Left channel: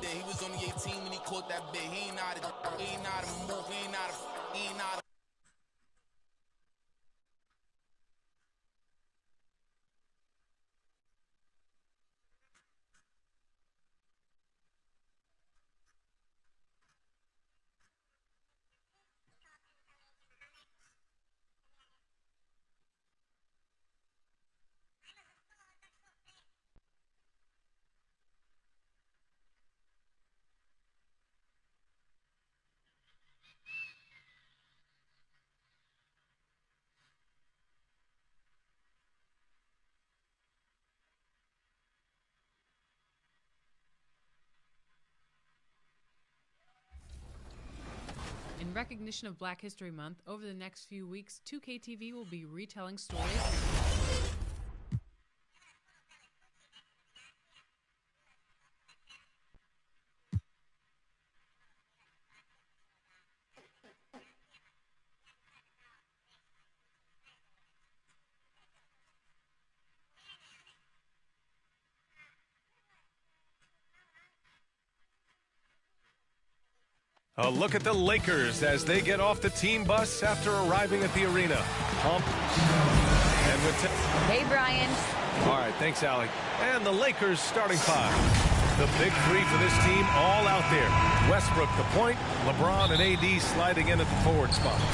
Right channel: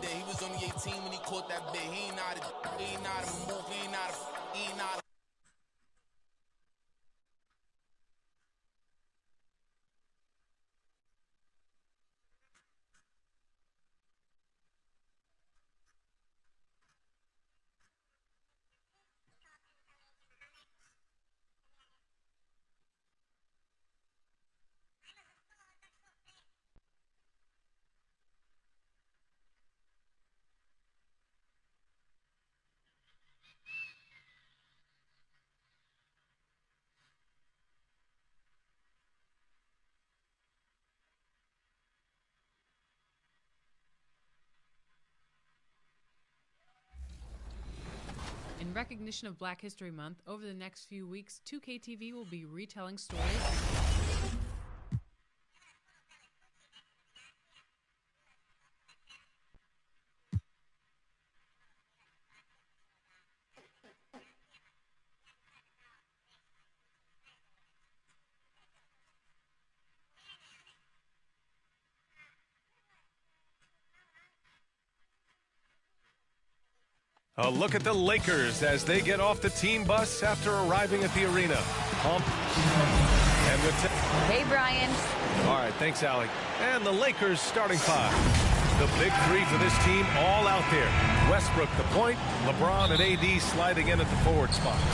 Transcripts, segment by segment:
today. He was only 18 when he caught that bit. He ain't out of move, he ain't out of. In recognition of Black History Month, over the next few weeks, 2KTV will be retelling stories. A look at the Lakers as they get off the team bus after arriving at the arena. Pump. And with hey, Brian. All right, thanks, Allie. And the Lakers starting five. The big three for this team all out there. Westbrook the point, LeBron and AD sliding in at the forward spots.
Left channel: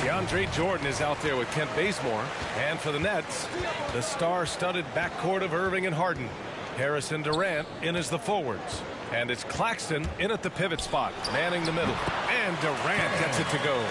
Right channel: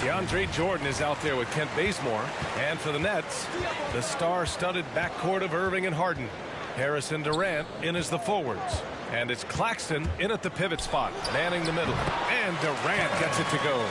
DeAndre Jordan is out there with Kent Bazemore. And for the Nets, the star-studded backcourt of Irving and Harden. Harris and Durant in as the forwards. And it's Claxton in at the pivot spot, manning the middle. And Durant gets it to go.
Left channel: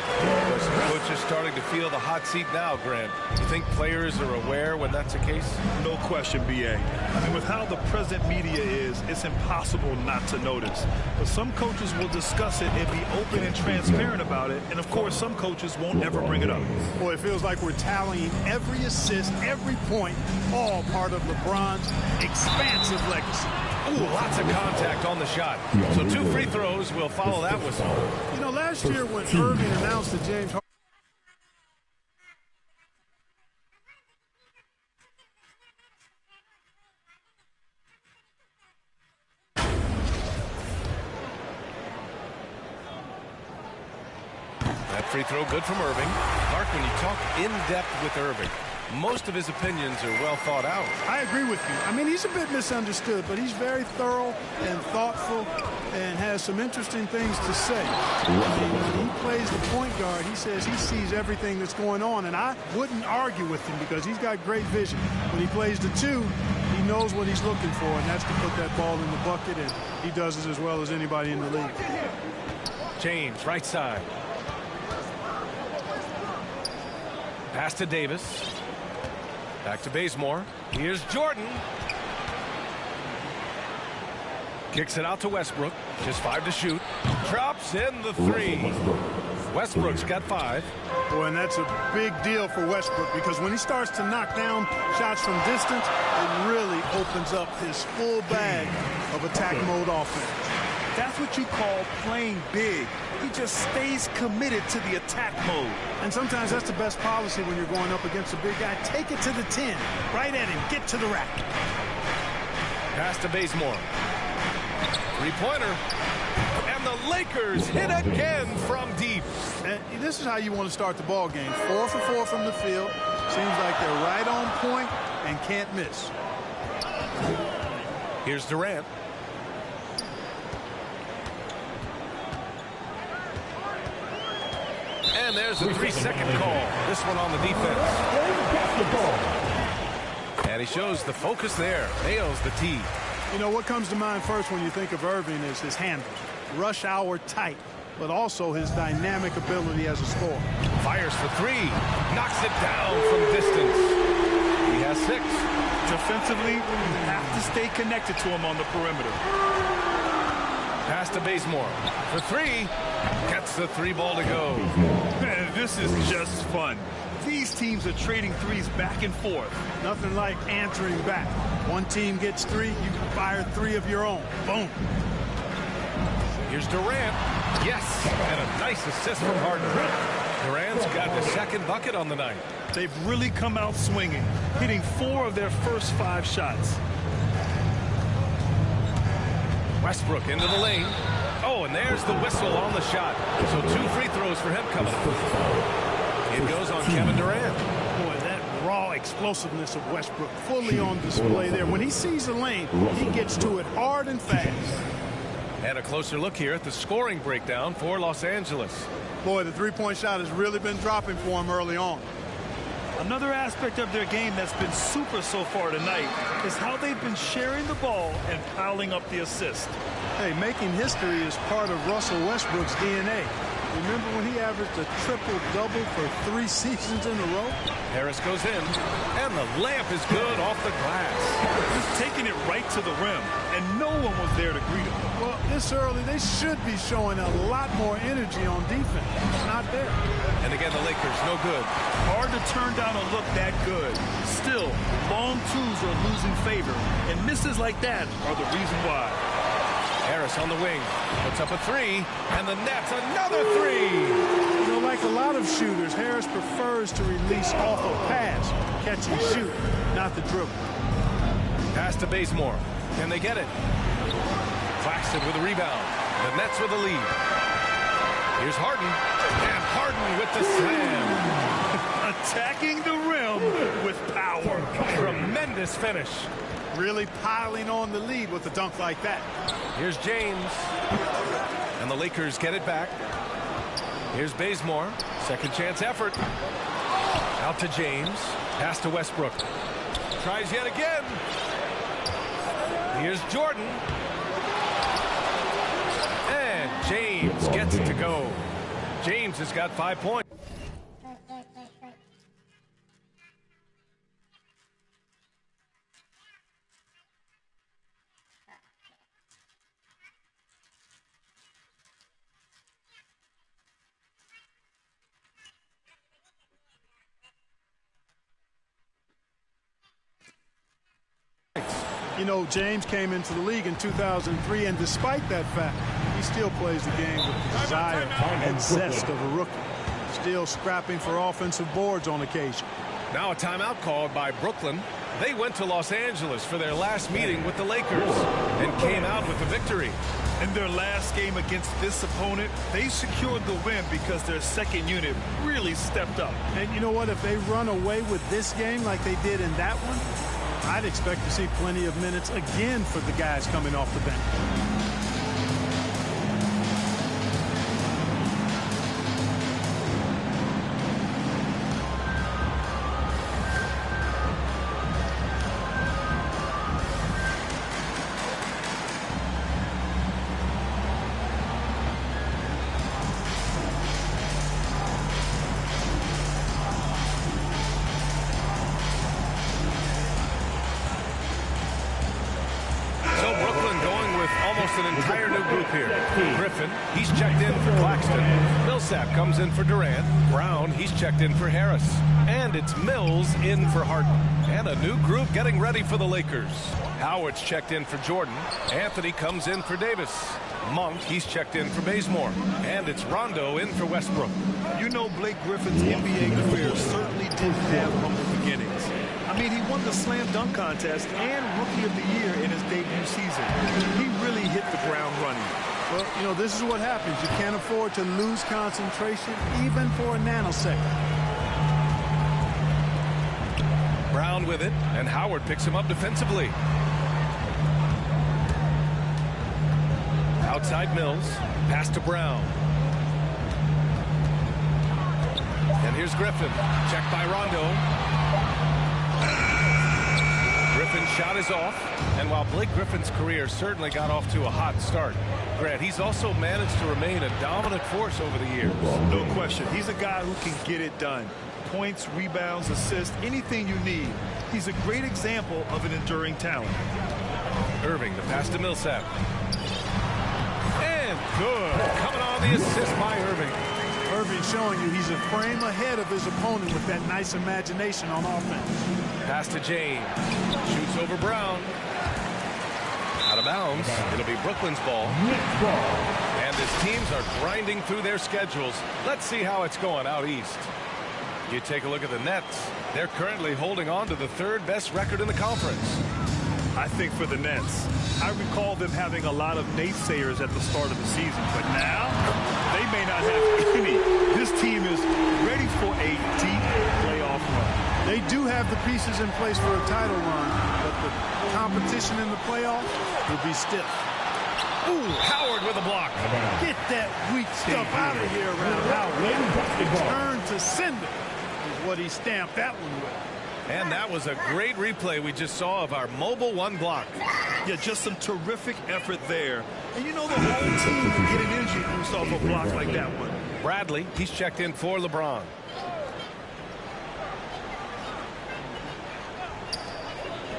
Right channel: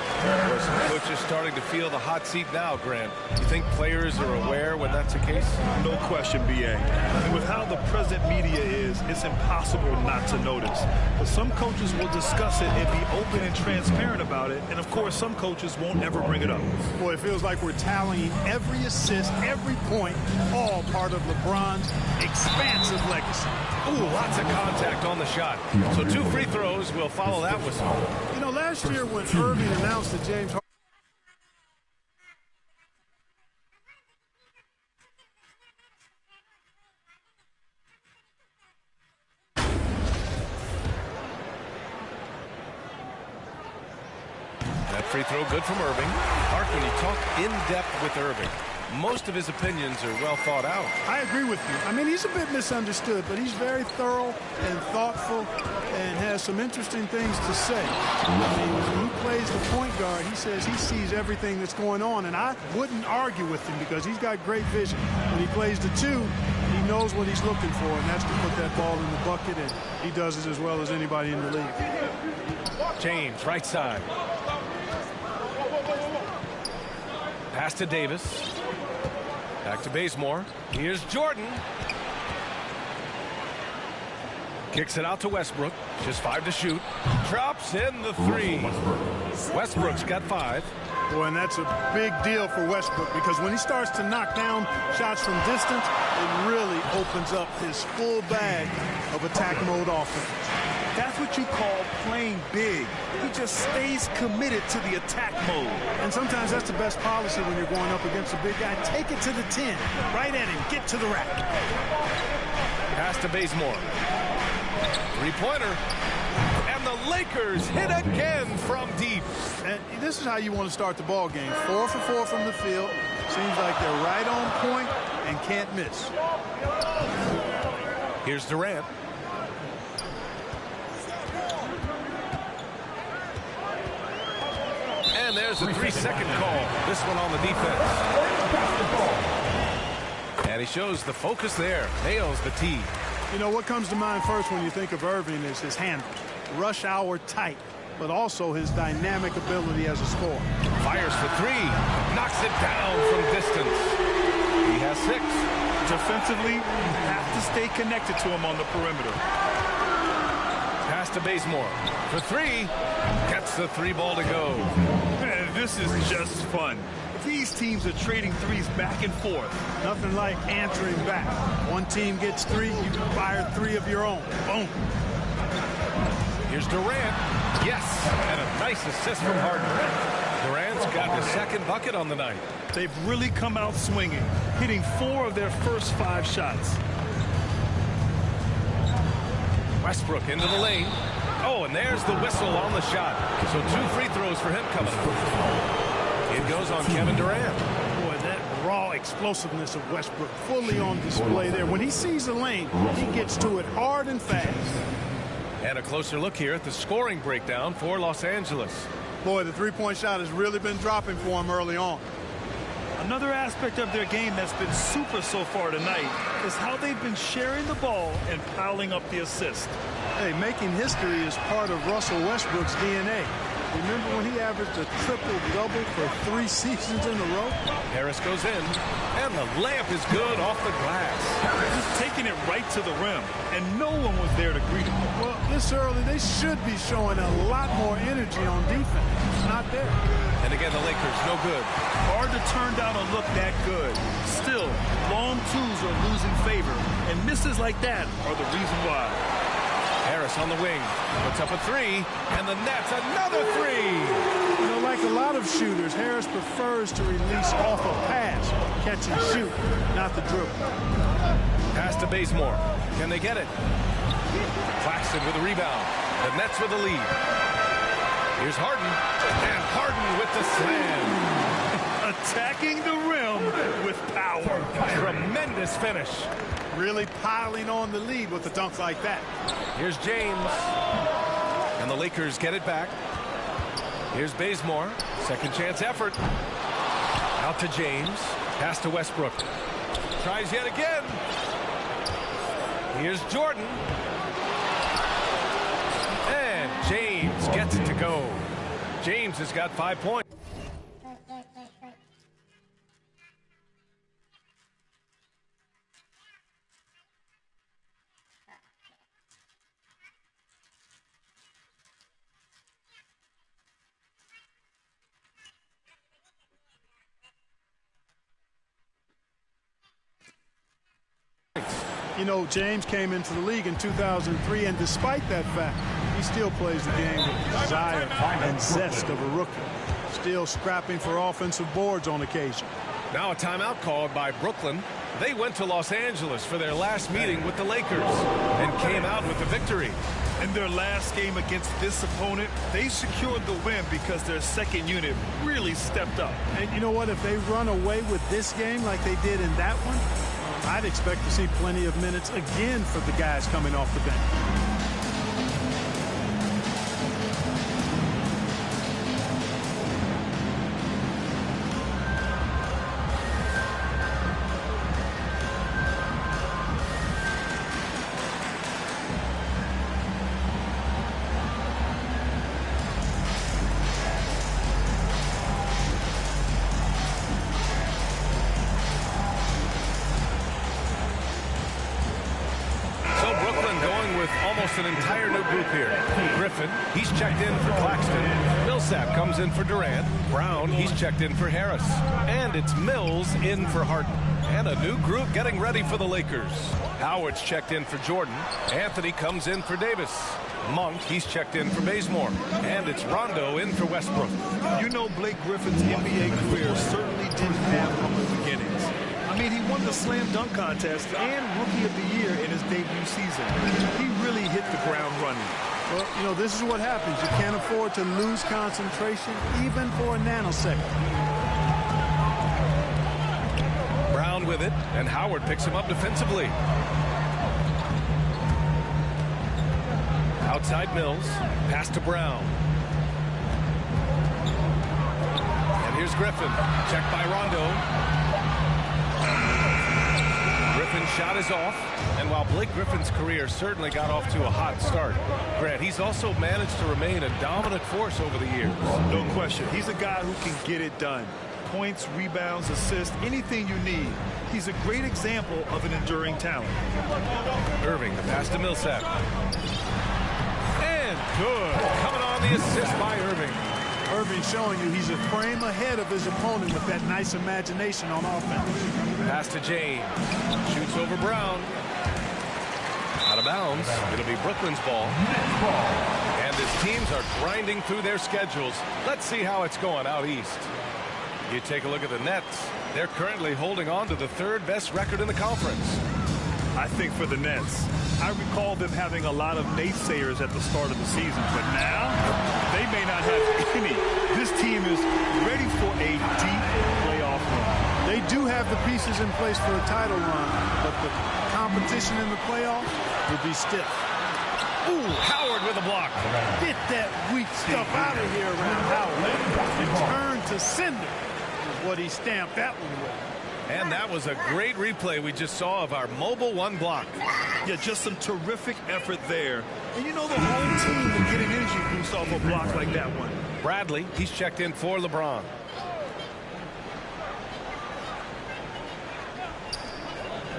Boy, some coaches starting to feel the hot seat now, Grant. You think players are aware when that's the case? No question, B.A. I mean, with how the present media is, it's impossible not to notice. But some coaches will discuss it and be open and transparent about it. And, of course, some coaches won't ever bring it up. Boy, it feels like we're tallying every assist, every point, all part of LeBron's expansive legacy. Ooh, lots of contact on the shot. So 2 free throws will follow that whistle. You know, last year when Irving announced that James Harden that free throw good from Irving. Mark, when you talk in depth with Irving, most of his opinions are well thought out. I agree with you. I mean, he's a bit misunderstood, but he's very thorough and thoughtful and has some interesting things to say. I mean, when he plays the point guard, he says he sees everything that's going on, and I wouldn't argue with him because he's got great vision. When he plays the 2, he knows what he's looking for, and that's to put that ball in the bucket, and he does it as well as anybody in the league. James, right side. Pass to Davis. Back to Bazemore. Here's Jordan. Kicks it out to Westbrook. Just 5 to shoot. Drops in the 3. Westbrook's got 5. Boy, and that's a big deal for Westbrook because when he starts to knock down shots from distance, it really opens up his full bag of attack mode offense. That's what you call playing big. He just stays committed to the attack mode. And sometimes that's the best policy when you're going up against a big guy. Take it to the 10. Right at him. Get to the rack. Pass to Bazemore. 3-pointer. And the Lakers hit again from deep. And this is how you want to start the ball game. 4 for 4 from the field. Seems like they're right on point and can't miss. Here's Durant. And there's a 3-second call. This one on the defense. And he shows the focus there. Nails the tee. You know, what comes to mind first when you think of Irving is his handles. Rush hour tight, but also his dynamic ability as a scorer. Fires for 3. Knocks it down from distance. He has 6. Defensively, you have to stay connected to him on the perimeter. Pass to Bazemore for 3. Gets the 3 ball to go. Man, this is just fun. These teams are trading threes back and forth. Nothing like answering back. One team gets 3, you fire 3 of your own. Boom. Here's Durant. Yes, and a nice assist from Harden. Durant's got the 2nd bucket on the night. They've really come out swinging, hitting 4 of their first 5 shots. Westbrook into the lane. Oh, and there's the whistle on the shot. So 2 free throws for him coming up. It goes on Kevin Durant. Boy, that raw explosiveness of Westbrook fully on display there. When he sees a lane, he gets to it hard and fast. And a closer look here at the scoring breakdown for Los Angeles. Boy, the three-point shot has really been dropping for him early on. Another aspect of their game that's been super so far tonight is how they've been sharing the ball and piling up the assist. Hey, making history is part of Russell Westbrook's DNA. Remember when he averaged a triple-double for 3 seasons in a row? Harris goes in, and the layup is good off the glass. Just taking it right to the rim, and no one was there to greet him. Well, this early, they should be showing a lot more energy on defense. It's not there. And again, the Lakers, no good. Hard to turn down a look that good. Still, long twos are losing favor, and misses like that are the reason why. Harris on the wing, puts up a 3, and the net's another 3. You know, like a lot of shooters, Harris prefers to release off a pass, catch and shoot, not the dribble. Pass to Bazemore. Can they get it? Claxton with a rebound. The Nets with the lead. Here's Harden, and Harden with the slam. Attacking the rim with power. Tremendous finish. Really piling on the lead with a dunk like that. Here's James. And the Lakers get it back. Here's Bazemore. Second chance effort. Out to James. Pass to Westbrook. Tries yet again. Here's Jordan. And James gets it to go. James has got 5 points. You know, James came into the league in 2003, and despite that fact, he still plays the game with the desire and zest of a rookie. Still scrapping for offensive boards on occasion. Now a timeout called by Brooklyn. They went to Los Angeles for their last meeting with the Lakers and came out with the victory. In their last game against this opponent, they secured the win because their second unit really stepped up. And you know what? If they run away with this game like they did in that one, I'd expect to see plenty of minutes again for the guys coming off the bench. So Brooklyn going with almost an entire new group here. Griffin, he's checked in for Claxton. Millsap comes in for Durant. Brown, he's checked in for Harris. And it's Mills in for Harden. And a new group getting ready for the Lakers. Howard's checked in for Jordan. Anthony comes in for Davis. Monk, he's checked in for Bazemore. And it's Rondo in for Westbrook. You know, Blake Griffin's NBA career certainly didn't have humble beginnings. I mean, he won the slam dunk contest and Rookie of the Year in his debut season. He really hit the ground running. Well, you know, this is what happens. You can't afford to lose concentration even for a nanosecond. Brown with it, and Howard picks him up defensively. Outside Mills, pass to Brown. And here's Griffin, checked by Rondo. Griffin's shot is off, and while Blake Griffin's career certainly got off to a hot start, Grant, he's also managed to remain a dominant force over the years. No question. He's a guy who can get it done. Points, rebounds, assists, anything you need. He's a great example of an enduring talent. Irving, the pass to Millsap. And good. Coming on the assist by Irving. Irving showing you he's a frame ahead of his opponent with that nice imagination on offense. Pass to James. Shoots over Brown. Out of bounds. It'll be Brooklyn's ball. And as teams are grinding through their schedules, let's see how it's going out east. You take a look at the Nets. They're currently holding on to the third best record in the conference. I think for the Nets. I recall them having a lot of naysayers at the start of the season, but now they may not have any. This team is ready for a deep playoff run. They do have the pieces in place for a title run, but the competition in the playoffs will be stiff. Ooh, Howard with a block. Get that weak stuff out of here around Howard. Turn to sender is what he stamped that one with. And that was a great replay we just saw of our mobile one block. Yeah, just some terrific effort there. And you know the whole team will get an energy boost off a block like that one. Bradley, he's checked in for LeBron.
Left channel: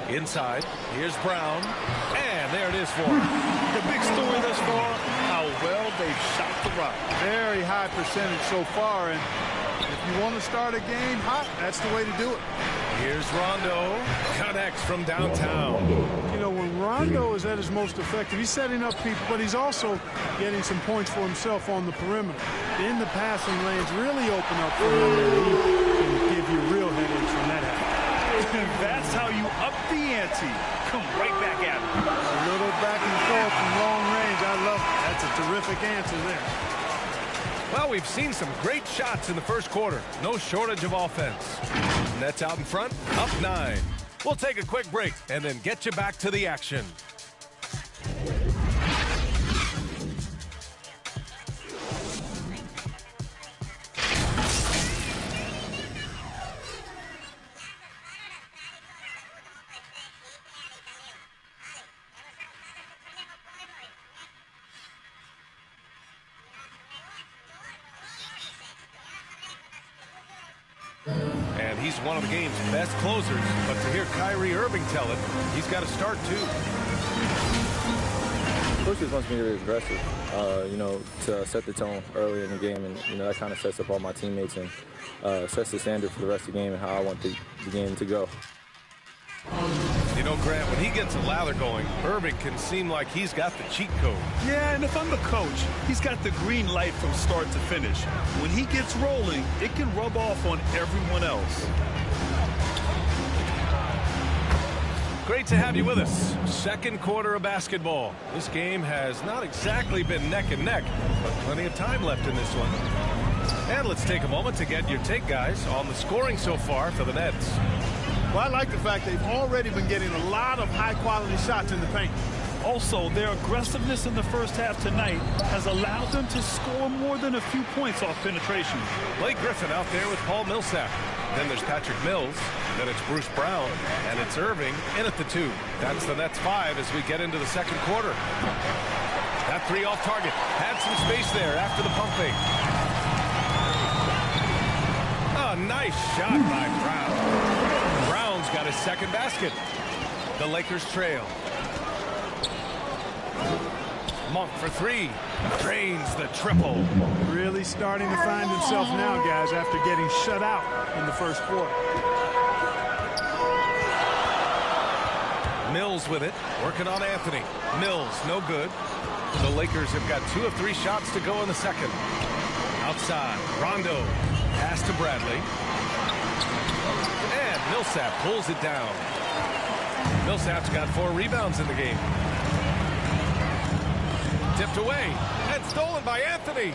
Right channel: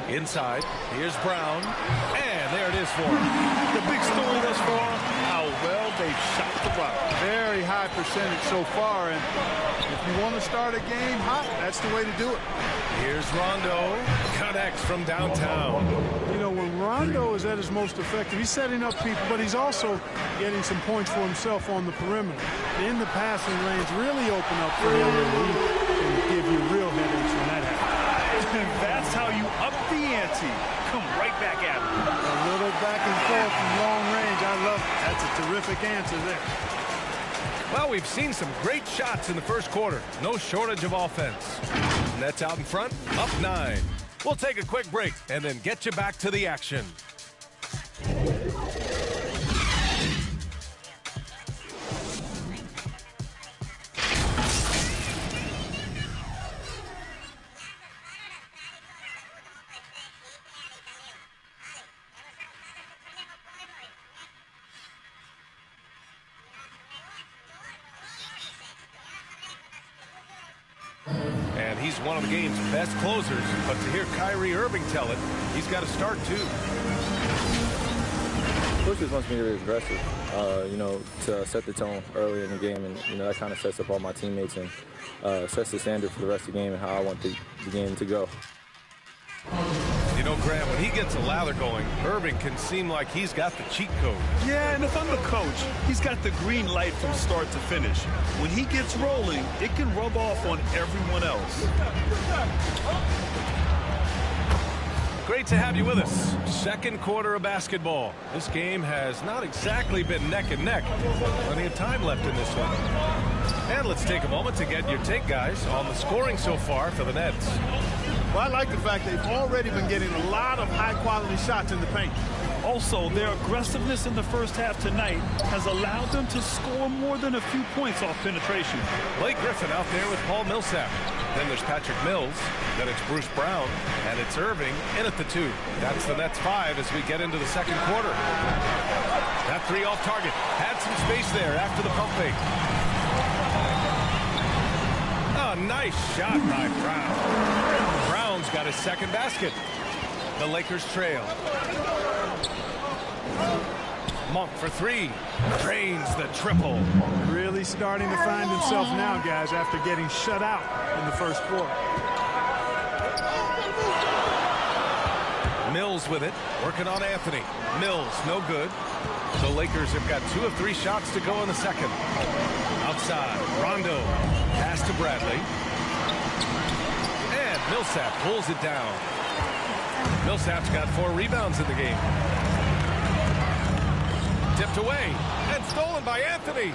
Inside, here's Brown, and there it is for him. The big story thus far, how well they've shot the rock. Very high percentage so far, and if you want to start a game hot, that's the way to do it. Here's Rondo, connects from downtown. You know, when Rondo is at his most effective, he's setting up people, but he's also getting some points for himself on the perimeter. Then the passing lanes really open up for him, and he can give you real headaches when that happens. And that's how you up the ante. Come right back at him. A little back and forth from long range. I love it. That's a terrific answer there. Well, we've seen some great shots in the first quarter. No shortage of offense. Nets out in front, up 9. We'll take a quick break and then get you back to the action. And he's one of the game's best closers, but to hear Kyrie Irving tell it, he's got to start too. Coach just wants me to be aggressive, you know, to set the tone early in the game, and you know that kind of sets up all my teammates and sets the standard for the rest of the game and how I want the game to go. You know, Grant, when he gets a lather going, Irving can seem like he's got the cheat code. Yeah, and if I'm the coach, he's got the green light from start to finish. When he gets rolling, it can rub off on everyone else. Great to have you with us. Second quarter of basketball. This game has not exactly been neck and neck, but plenty of time left in this one. And let's take a moment to get your take, guys, on the scoring so far for the Nets. Well, I like the fact they've already been getting a lot of high-quality shots in the paint. Also, their aggressiveness in the first half tonight has allowed them to score more than a few points off penetration. Blake Griffin out there with Paul Millsap. Then there's Patrick Mills. Then it's Bruce Brown. And it's Irving in at the 2. That's the Nets 5 as we get into the second quarter. That 3 off target. Had some space there after the pump fake. Oh, nice shot by Brown. Brown's got his second basket. The Lakers trail. Monk for 3. Drains the triple. Really starting to find himself now, guys, after getting shut out in the first quarter. Mills with it. Working on Anthony. Mills, no good. The Lakers have got 2 of 3 shots to go in the second. Outside, Rondo. Pass to Bradley. And Millsap pulls it down. Millsap's got 4 rebounds in the game. Tipped away and stolen by Anthony.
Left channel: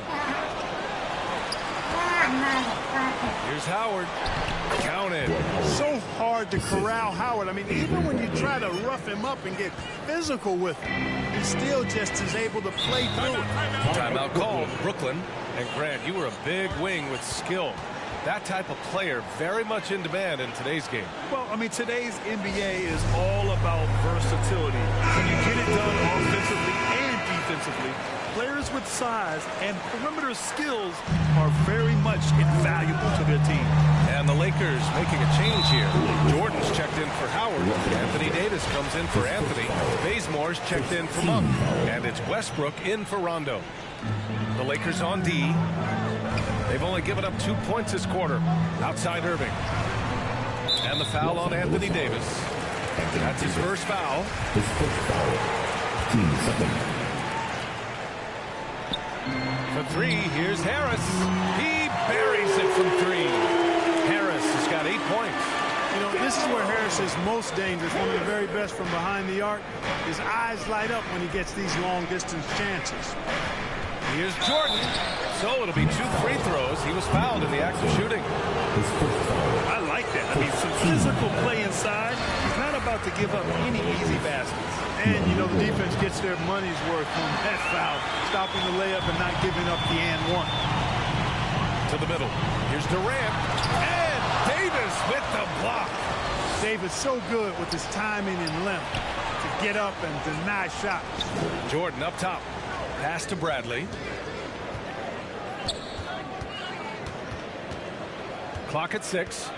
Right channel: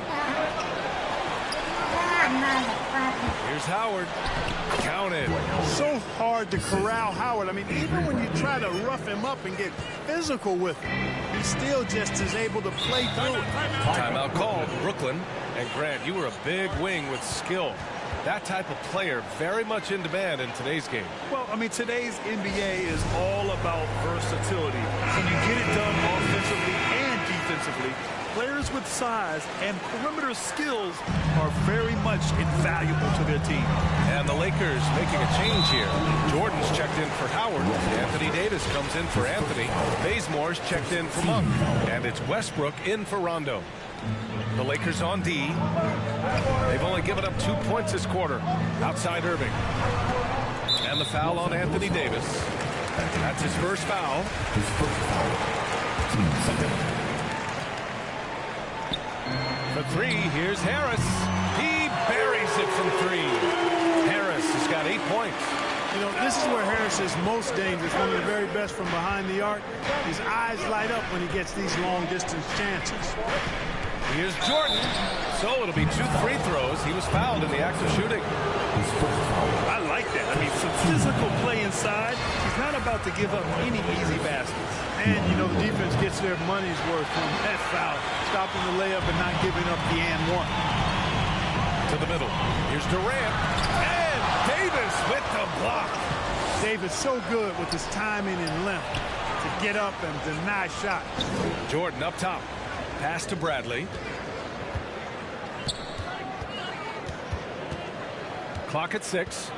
Here's Howard. Counted. So hard to corral Howard. I mean, even when you try to rough him up and get physical with him, he still just is able to play through it. Timeout called. Brooklyn. And Grant, you were a big wing with skill. That type of player very much in demand in today's game. Well, I mean, today's NBA is all about versatility. Can you get it done offensively and defensively? Players with size and perimeter skills are very much invaluable to their team. And the Lakers making a change here. Jordan's checked in for Howard. Anthony Davis comes in for Anthony. Bazemore's checked in for Monk. And it's Westbrook in for Rondo. The Lakers on D. They've only given up 2 points this quarter. Outside Irving. And the foul on Anthony Davis. That's his first foul. His first foul. Team second. For 3, here's Harris. He buries it from 3. Harris has got 8 points. You know, this is where Harris is most dangerous, one of the very best from behind the arc. His eyes light up when he gets these long-distance chances. Here's Jordan. So it'll be 2 free throws. He was fouled in the act of shooting. I like that. I mean, some physical play inside. He's not about to give up any easy baskets. And, you know, the defense gets their money's worth from that foul, stopping the layup and not giving up the and one. To the middle. Here's Durant. And Davis with the block. Davis so good with his timing and length to get up and deny shots. Jordan up top. Pass to Bradley. Clock at 6.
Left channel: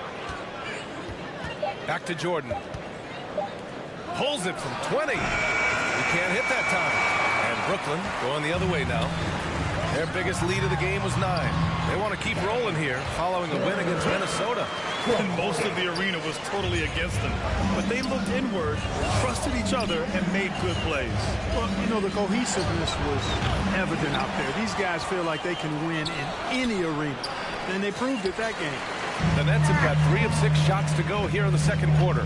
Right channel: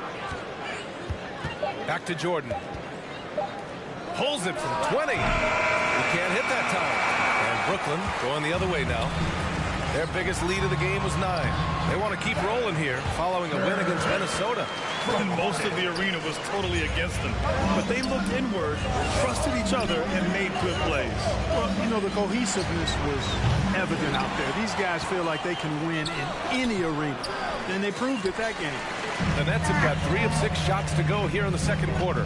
Back to Jordan. Pulls it from 20. He can't hit that time. And Brooklyn going the other way now. Their biggest lead of the game was 9. They want to keep rolling here following a win against Minnesota. And most of the arena was totally against them. But they looked inward, trusted each other, and made good plays. Well, you know, the cohesiveness was evident out there. These guys feel like they can win in any arena. And they proved it that game. The Nets have got 3 of 6 shots to go here in the second quarter.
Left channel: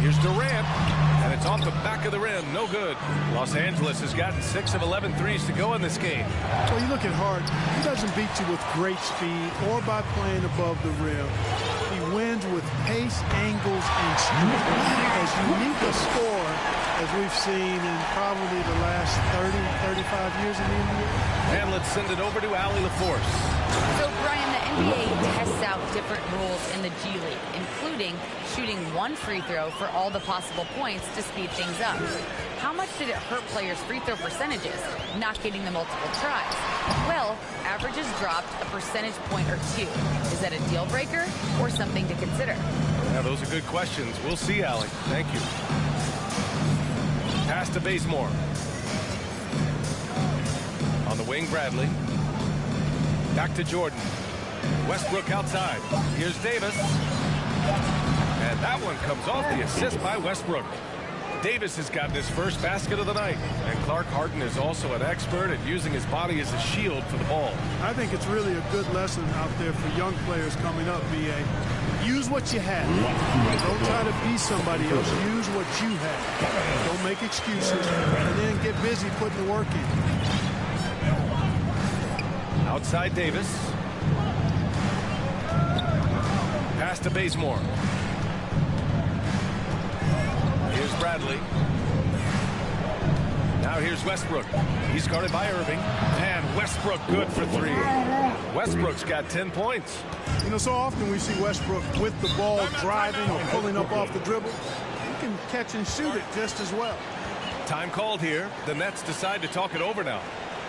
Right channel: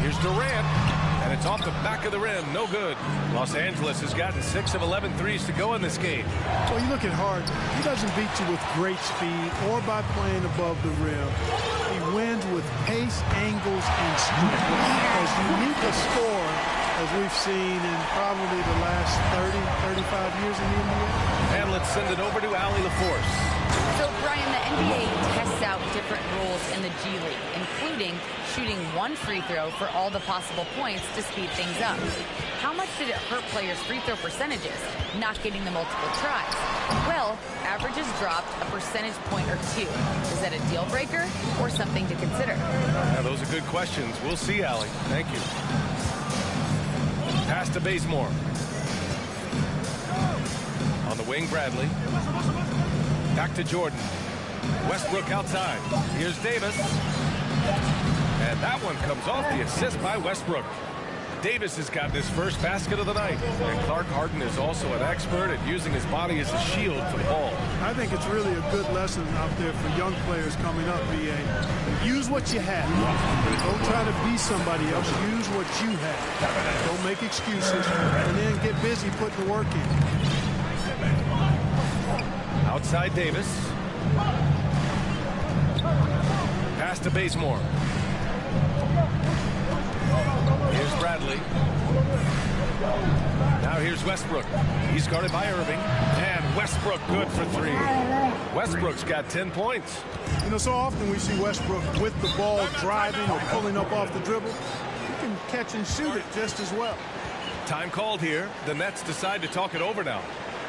Here's Durant. And it's off the back of the rim. No good. Los Angeles has gotten 6 of 11 threes to go in this game. Well, you look at Harden. He doesn't beat you with great speed or by playing above the rim. He wins with pace, angles, and strength. As unique a scorer as we've seen in probably the last 30, 35 years in the NBA. And let's send it over to Allie LaForce. So, Brian, the NBA tests out different rules in the G League, including shooting 1 free throw for all the possible points to speed things up. How much did it hurt players' free throw percentages, not getting the multiple tries? Well, averages dropped a percentage point or 2. Is that a deal breaker or something to consider? Yeah, those are good questions. We'll see, Allie. Thank you. Pass to Bazemore. On the wing, Bradley. Back to Jordan. Westbrook outside. Here's Davis. And that one comes off the assist by Westbrook. Davis has gotten his first basket of the night. And Clark Harden is also an expert at using his body as a shield for the ball. I think it's really a good lesson out there for young players coming up, BA. Use what you have. Don't try to be somebody else. Use what you have. Don't make excuses. And then get busy putting the work in. Outside Davis. Pass to Bazemore. Here's Bradley. Now here's Westbrook. He's guarded by Irving. And Westbrook good for 3. Westbrook's got 10 points. You know, so often we see Westbrook with the ball driving or pulling up off the dribble. He can catch and shoot it just as well. Time called here. The Nets decide to talk it over now.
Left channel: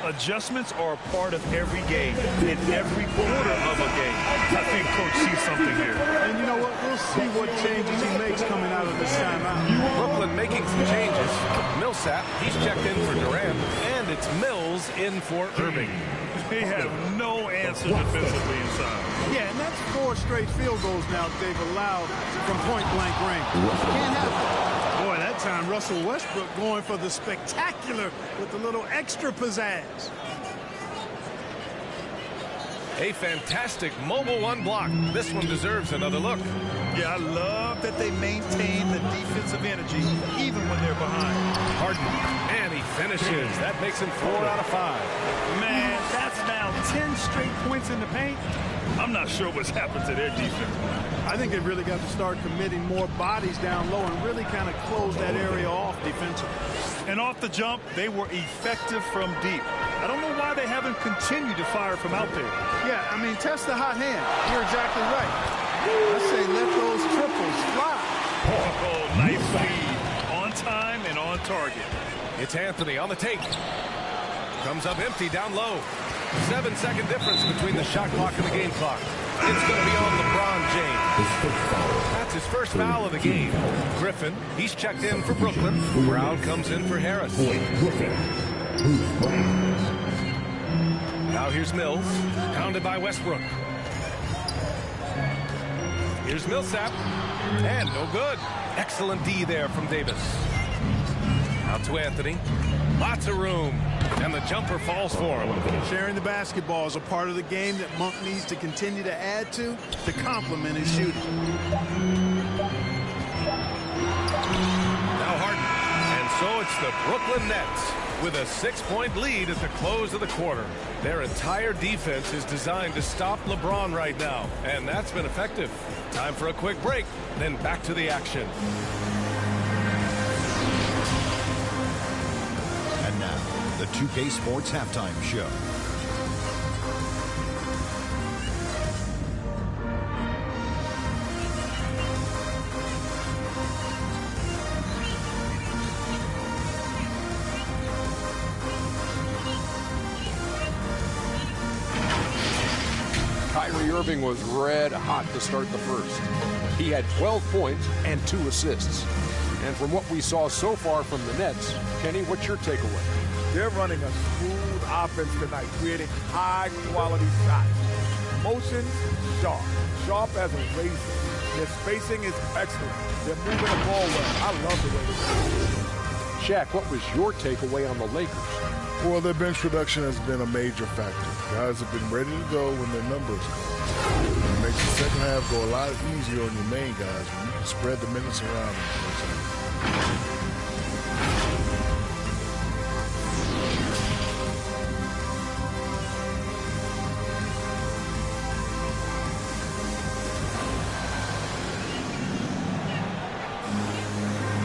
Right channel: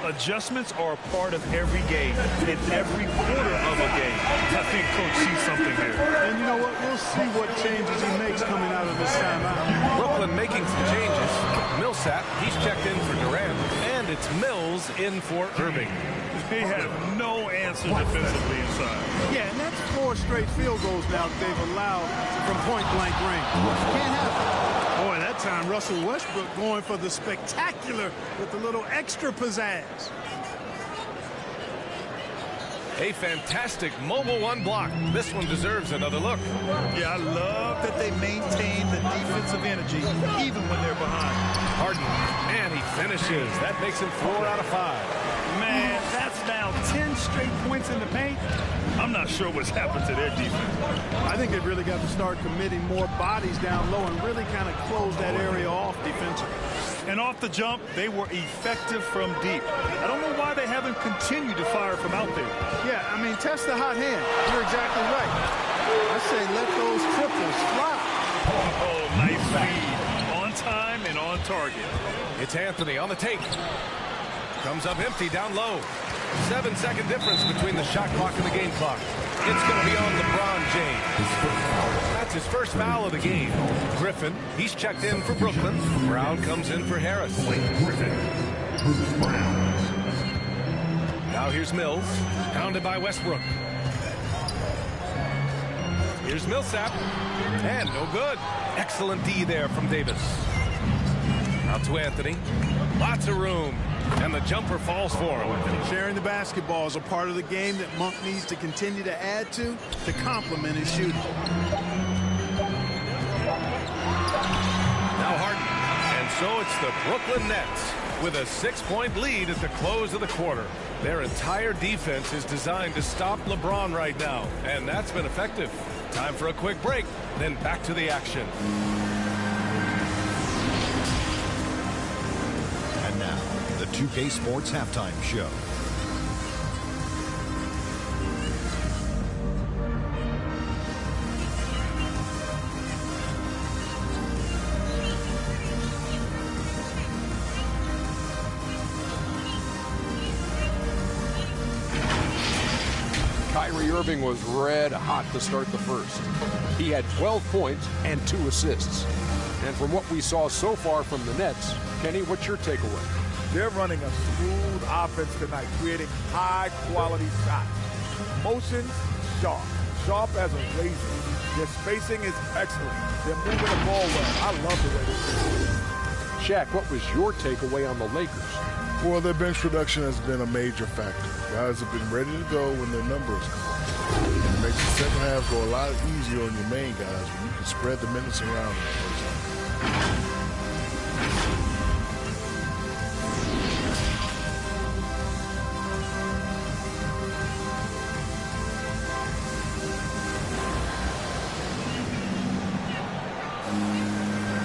Adjustments are a part of every game, in every quarter of a game. I think Coach sees something here. And you know what? We'll see what changes he makes coming out of this timeout. Brooklyn making some changes. Millsap, he's checked in for Durant, and it's Mills in for Irving. They have no answer defensively inside. Yeah, and that's 4 straight field goals now that they've allowed from point-blank range. Can't happen. Boy, that time Russell Westbrook going for the spectacular with a little extra pizzazz. A fantastic mobile 1 block. This one deserves another look. Yeah, I love that they maintain the defensive energy even when they're behind. Harden, and he finishes. That makes him 4 out of 5. Man, that's now 10 straight points in the paint. I'm not sure what's happened to their defense. I think they've really got to start committing more bodies down low and really kind of close that area off defensively. And off the jump, they were effective from deep. I don't know why they haven't continued to fire from out there. Yeah, I mean, test the hot hand. You're exactly right. I say let those triples fly. Oh, nice feed. On time and on target. It's Anthony on the take. Comes up empty down low. 7-second difference between the shot clock and the game clock. It's going to be on LeBron James. That's his first foul of the game. Griffin, he's checked in for Brooklyn. Brown comes in for Harris. Now here's Mills, pounded by Westbrook. Here's Millsap, and no good. Excellent D there from Davis. Out to Anthony. Lots of room. And the jumper falls for him. Sharing the basketball is a part of the game that Monk needs to continue to add to complement his shooting. Now Harden. And so it's the Brooklyn Nets with a 6-point lead at the close of the quarter. Their entire defense is designed to stop LeBron right now, and that's been effective. Time for a quick break, then back to the action. And now, the 2K Sports Halftime Show. Kyrie Irving was red hot to start the first. He had 12 points and 2 assists. And from what we saw so far from the Nets, Kenny, what's your takeaway? They're running a smooth offense tonight, creating high-quality shots. Motions, sharp as a razor. Their spacing is excellent. They're moving the ball well. I love the way they play. Shaq, what was your takeaway on the Lakers? Well, their bench production has been a major factor. Guys have been ready to go when their number is called. It makes the second half go a lot easier on your main guys when you can spread the minutes around in the first half.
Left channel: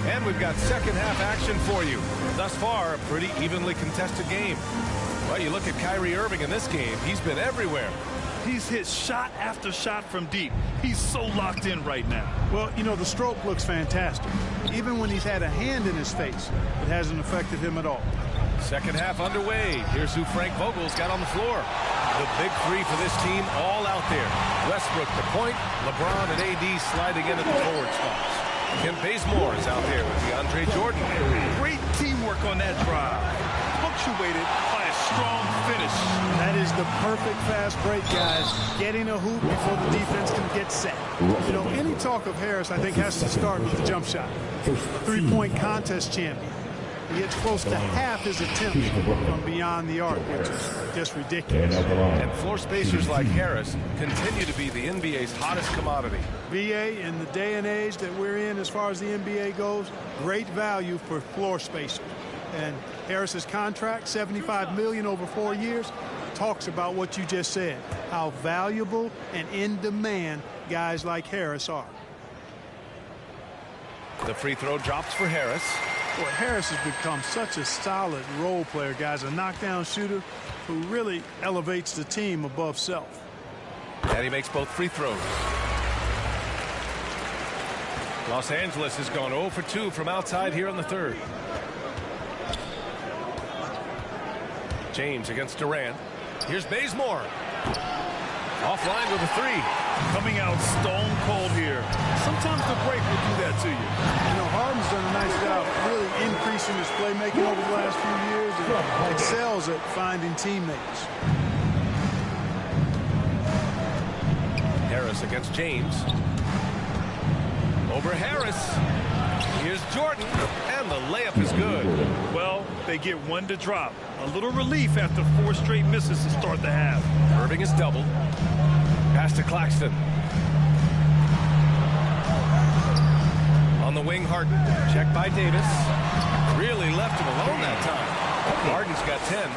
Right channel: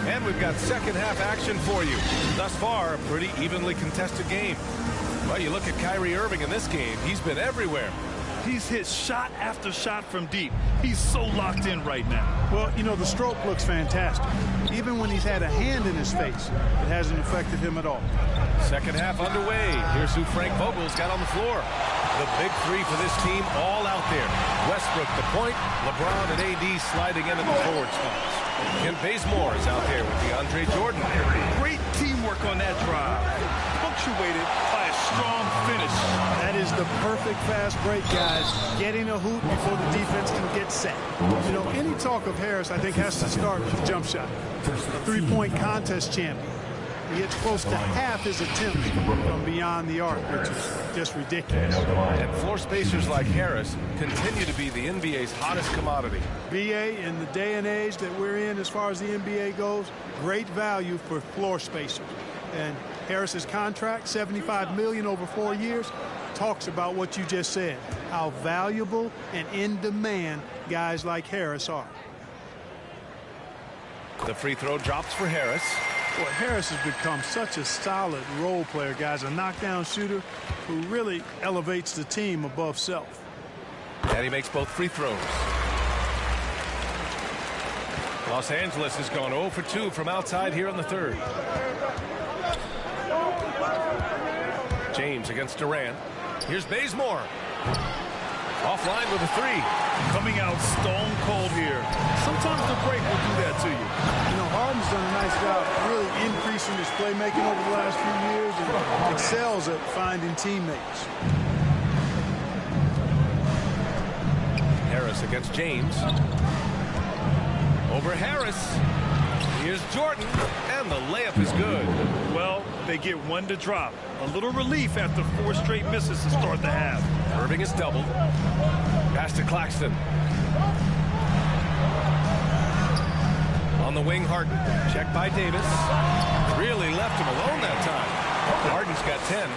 And we've got second half action for you. Thus far, a pretty evenly contested game. Well, you look at Kyrie Irving in this game, he's been everywhere. He's hit shot after shot from deep. He's so locked in right now. Well, you know, the stroke looks fantastic. Even when he's had a hand in his face, it hasn't affected him at all. Second half underway. Here's who Frank Vogel's got on the floor. The big three for this team all out there. Westbrook the point, LeBron and AD sliding in at the forward spots. Kent Bazemore is out there with DeAndre Jordan. Great teamwork on that drive, punctuated by a strong finish. That is the perfect fast break, guys. Getting a hoop before the defense can get set. You know, any talk of Harris, I think, has to start with the jump shot. A three-point contest champion. He hits close to half his attempts from beyond the arc, which is just ridiculous. And floor spacers like Harris continue to be the NBA's hottest commodity. BA, in the day and age that we're in as far as the NBA goes, great value for floor spacers. And Harris's contract, $75 million over 4 years, talks about what you just said, how valuable and in demand guys like Harris are. The free throw drops for Harris. Boy, Harris has become such a solid role player, guys, a knockdown shooter who really elevates the team above self. And he makes both free throws. Los Angeles has gone 0 for 2 from outside here in the third. James against Durant. Here's Bazemore. Offline with a three. Coming out stone cold here. Sometimes the break will do that to you. You know, Harden's done a nice job really increasing his playmaking over the last few years and excels at finding teammates. Harris against James. Over Harris. Here's Jordan, and the layup is good. Well, they get one to drop. A little relief after 4 straight misses to start the half. Irving is doubled. Pass to Claxton. On the wing, Harden. Checked by Davis. Really left him alone that time. Harden's got 10.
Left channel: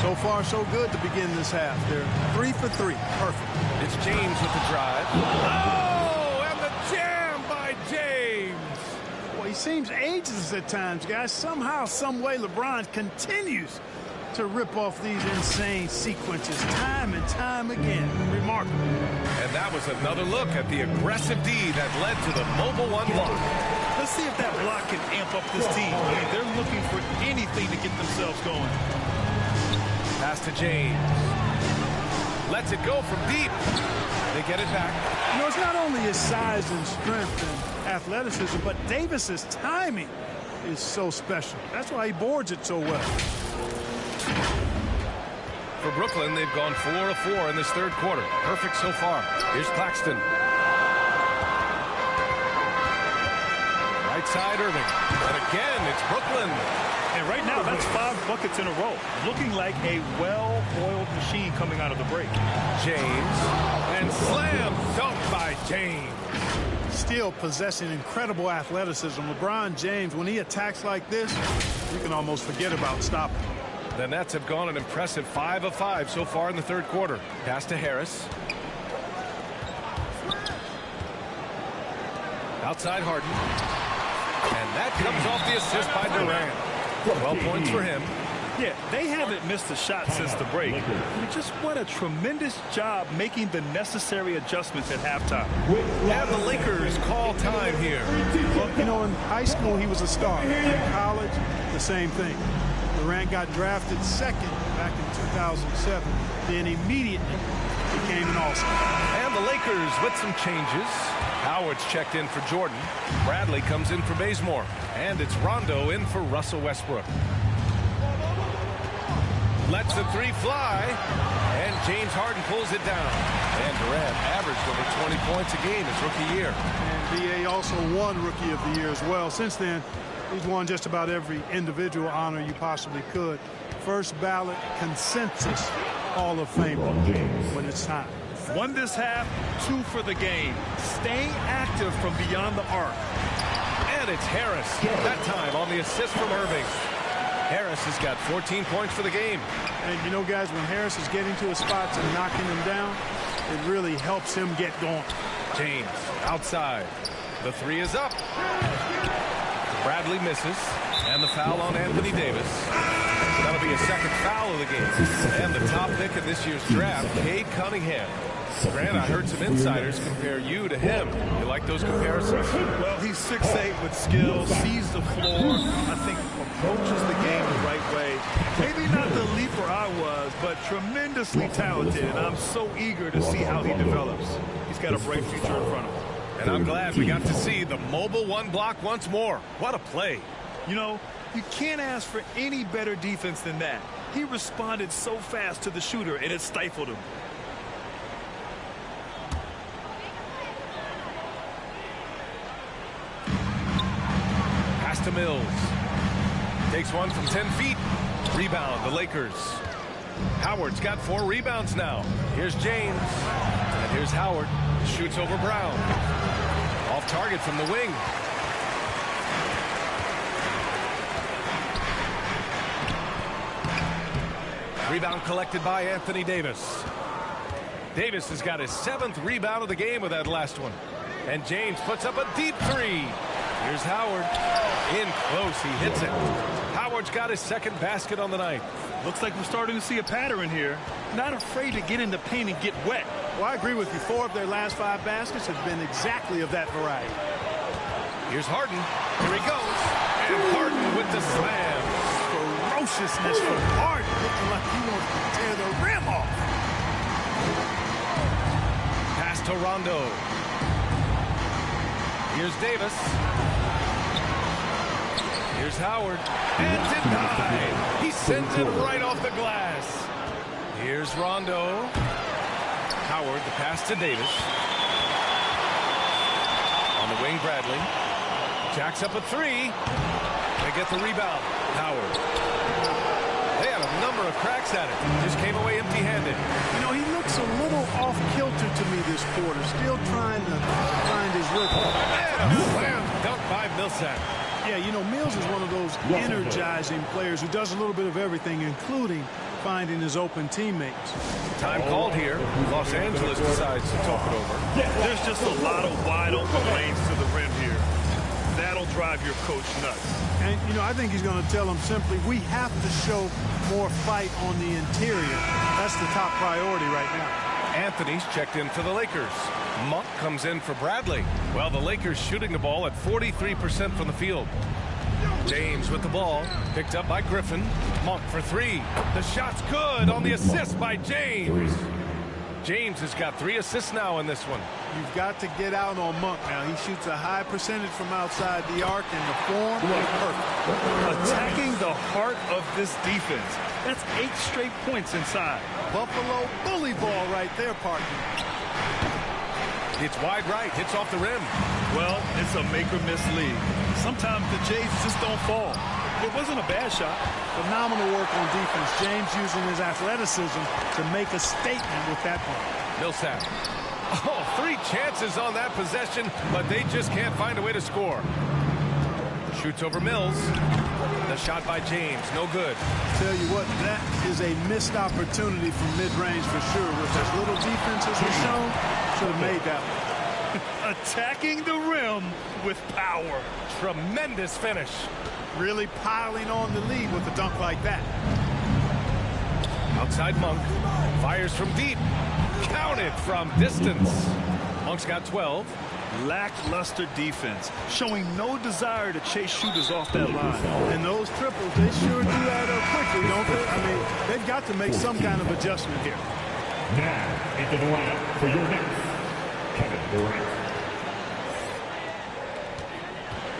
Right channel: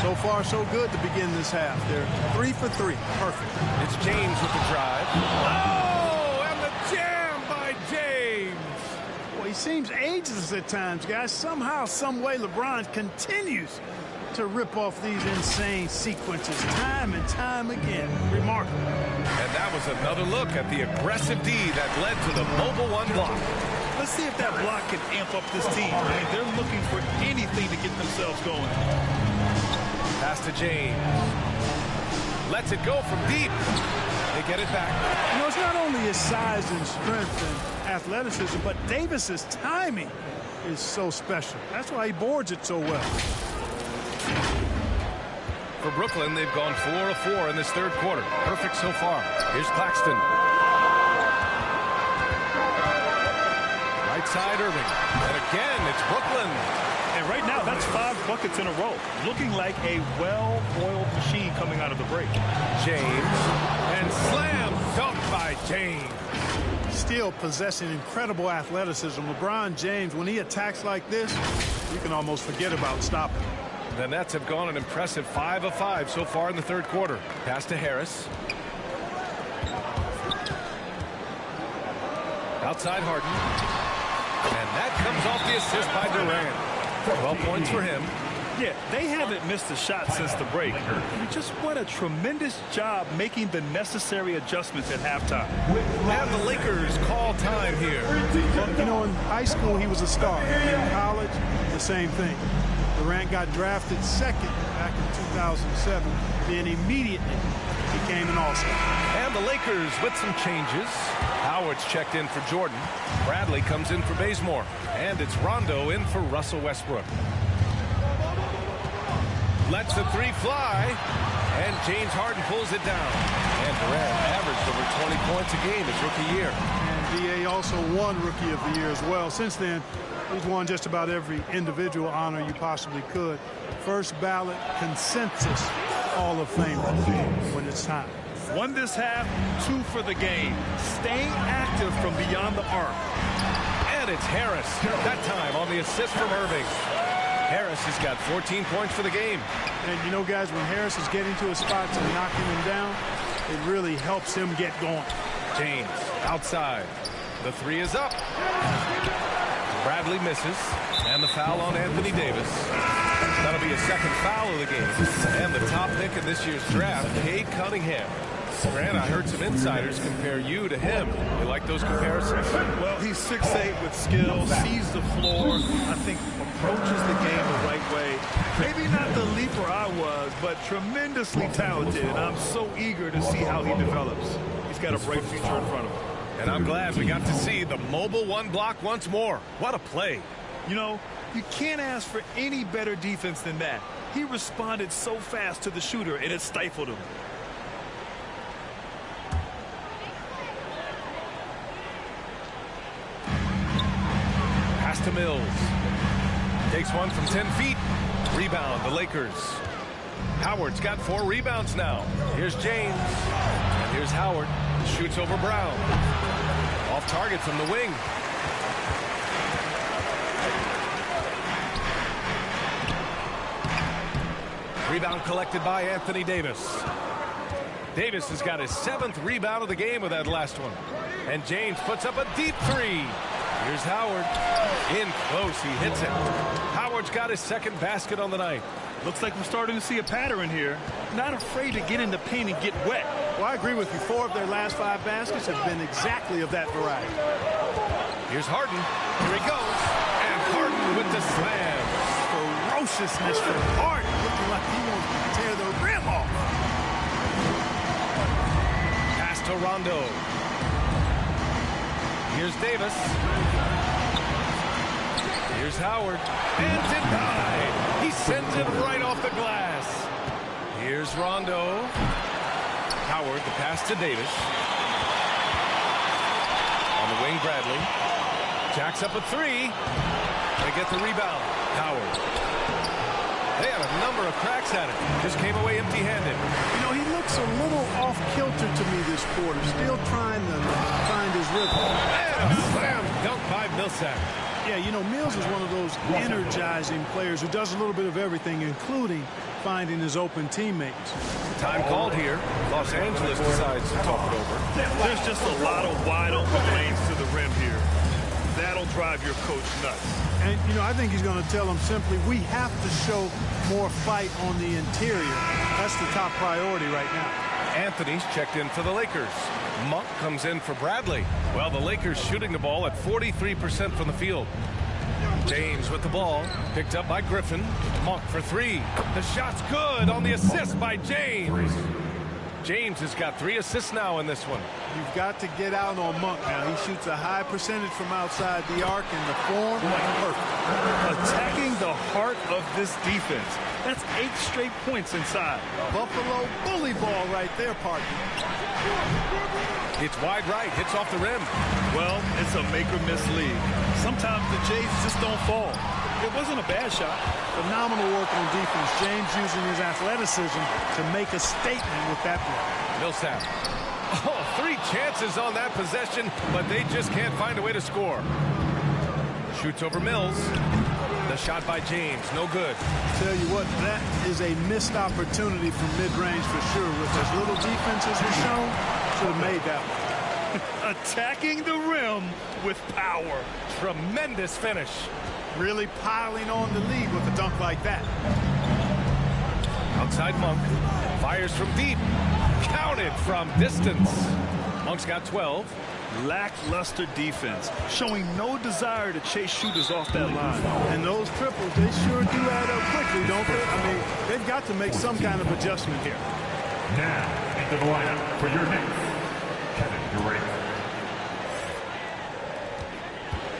So far, so good to begin this half. They're 3 for 3. Perfect. It's James with the drive. Oh, and the jam by James. Boy, he seems ageless at times, guys. Somehow, some way, LeBron continues to rip off these insane sequences time and time again. Remarkable. And that was another look at the aggressive D that led to the mobile one block. Let's see if that block can amp up this team. I mean, they're looking for anything to get themselves going. Pass to James. Lets it go from deep. They get it back. You know, it's not only his size and strength and athleticism, but Davis's timing is so special. That's why he boards it so well. For Brooklyn, they've gone 4 of 4 in this third quarter. Perfect so far. Here's Claxton. Right side, Irving. And again, it's Brooklyn. And right now, that's 5 buckets in a row. Looking like a well-oiled machine coming out of the break. James, and slam dunk by James. Still possessing incredible athleticism. LeBron James, when he attacks like this, you can almost forget about stopping. The Nets have gone an impressive 5 of 5 so far in the third quarter. Pass to Harris. Outside Harden. And that comes off the assist by Durant. 12 points for him. Yeah, they haven't missed a shot since the break. They just what a tremendous job making the necessary adjustments at halftime. And the Lakers call time here. Well, you know, in high school, he was a star. In college, the same thing. Durant got drafted second back in 2007, then immediately became an all-star. And the Lakers with some changes. Howard's checked in for Jordan. Bradley comes in for Bazemore. And it's Rondo in for Russell Westbrook. Lets the three fly. And James Harden pulls it down. And Durant averaged over 20 points a game his rookie year. And D.A. also won Rookie of the Year as well. Since then, he's won just about every individual honor you possibly could. First ballot consensus Hall of Famer when it's time. Won this half, 2 for the game. Staying active from beyond the arc. And it's Harris, that time on the assist from Irving. Harris has got 14 points for the game. And you know, guys, when Harris is getting to his spots and knocking them down, it really helps him get going. James outside. The three is up. Bradley misses. And the foul on Anthony Davis. That'll be a second foul of the game. And the top pick in this year's draft, Cade Cunningham. Grant, I heard some insiders compare you to him. You like those comparisons? Well, he's 6'8" with skill, sees the floor, I think approaches the game the right way. Maybe not the leaper I was, but tremendously talented, and I'm so eager to see how he develops. He's got a bright future in front of him. And I'm glad we got to see the mobile one block once more. What a play. You know, you can't ask for any better defense than that. He responded so fast to the shooter, and it stifled him. Pass to Mills. Takes one from 10 feet. Rebound, the Lakers. Howard's got 4 rebounds now. Here's James. And here's Howard. Shoots over Brown. Off target from the wing. Rebound collected by Anthony Davis. Davis has got his 7th rebound of the game with that last one. And James puts up a deep three. Here's Howard. In close, he hits it. Howard's got his 2nd basket on the night. Looks like we're starting to see a pattern here. Not afraid to get in the paint and get wet. Well, I agree with you. 4 of their last 5 baskets have been exactly of that variety. Here's Harden. Here he goes. And Harden with the slam. Ferociousness from Harden, looking like he wants to tear the rim off. Pass to Rondo. Here's Davis. Here's Howard. And denied. He sends it right off the glass. Here's Rondo. Howard, the pass to Davis. On the wing, Bradley. Jacks up a 3. They get the rebound. Howard. They had a number of cracks at it. Just came away empty-handed. You know, he looks a little off-kilter to me this quarter. Still trying to find his rhythm. And a slam dunk by Millsap. Yeah, you know, Mills is one of those energizing players who does a little bit of everything, including finding his open teammates. Time called here. Los Angeles decides to talk it over. There's just a lot of wide-open lanes to the rim here. That'll drive your coach nuts. And, you know, I think he's going to tell them simply, we have to show more fight on the interior. That's the top priority right now. Anthony's checked in for the Lakers. Monk comes in for Bradley. Well, the Lakers shooting the ball at 43% from the field. James with the ball. Picked up by Griffin. Monk for 3. The shot's good on the assist by James. James has got 3 assists now in this one. You've got to get out on Monk now. He shoots a high percentage from outside the arc, and the form, perfect. Attacking the heart of this defense. That's 8 straight points inside. Buffalo bully ball right there, partner. It's wide right, hits off the rim. Well, it's a make-or-miss league. Sometimes the Jays just don't fall. It wasn't a bad shot. Phenomenal work on defense. James using his athleticism to make a statement with that blow. Millsap. Oh, 3 chances on that possession, but they just can't find a way to score. Shoots over Mills. The shot by James, no good. Tell you what, that is a missed opportunity from mid-range for sure. With as little defense as was shown, should have made that one. Attacking the rim with power. Tremendous finish. Really piling on the lead with a dunk like that. Outside Monk. Fires from deep. Counted from distance. Monk's got 12. Lackluster defense, showing no desire to chase shooters off that line. And those triples, they sure do add up quickly, don't they? I mean, they've got to make some kind of adjustment here. Now, into the lineup for your next, Kevin Durant.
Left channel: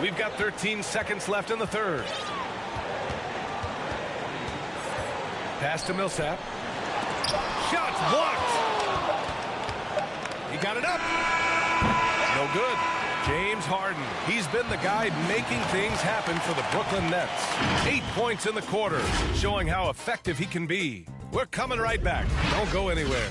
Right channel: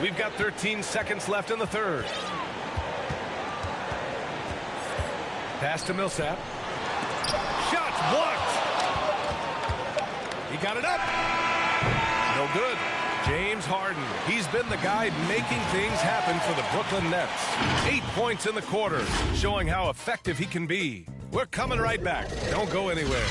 We've got 13 seconds left in the third. Pass to Millsap. Shots blocked. He got it up. No good. James Harden. He's been the guy making things happen for the Brooklyn Nets. 8 points in the quarter, showing how effective he can be. We're coming right back. Don't go anywhere.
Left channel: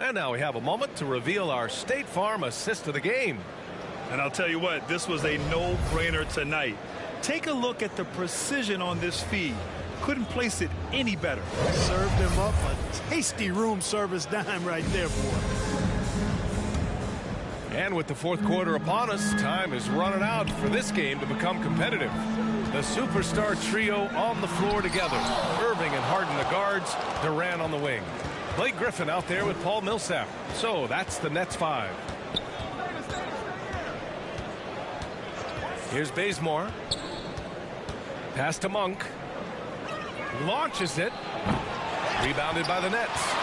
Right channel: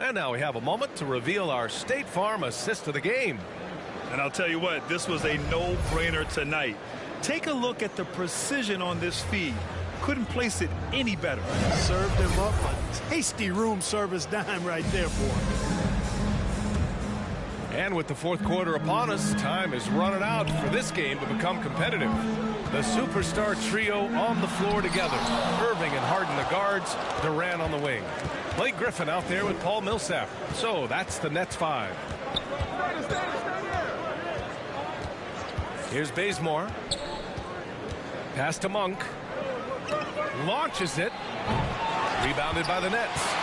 And now we have a moment to reveal our State Farm assist of the game. And I'll tell you what, this was a no-brainer tonight. Take a look at the precision on this feed. Couldn't place it any better. Served him up a tasty room service dime right there, boy. And with the fourth quarter upon us, time is running out for this game to become competitive. The superstar trio on the floor together. Irving and Harden the guards, Durant on the wing. Blake Griffin out there with Paul Millsap. So that's the Nets 5. Here's Bazemore. Pass to Monk. Launches it. Rebounded by the Nets.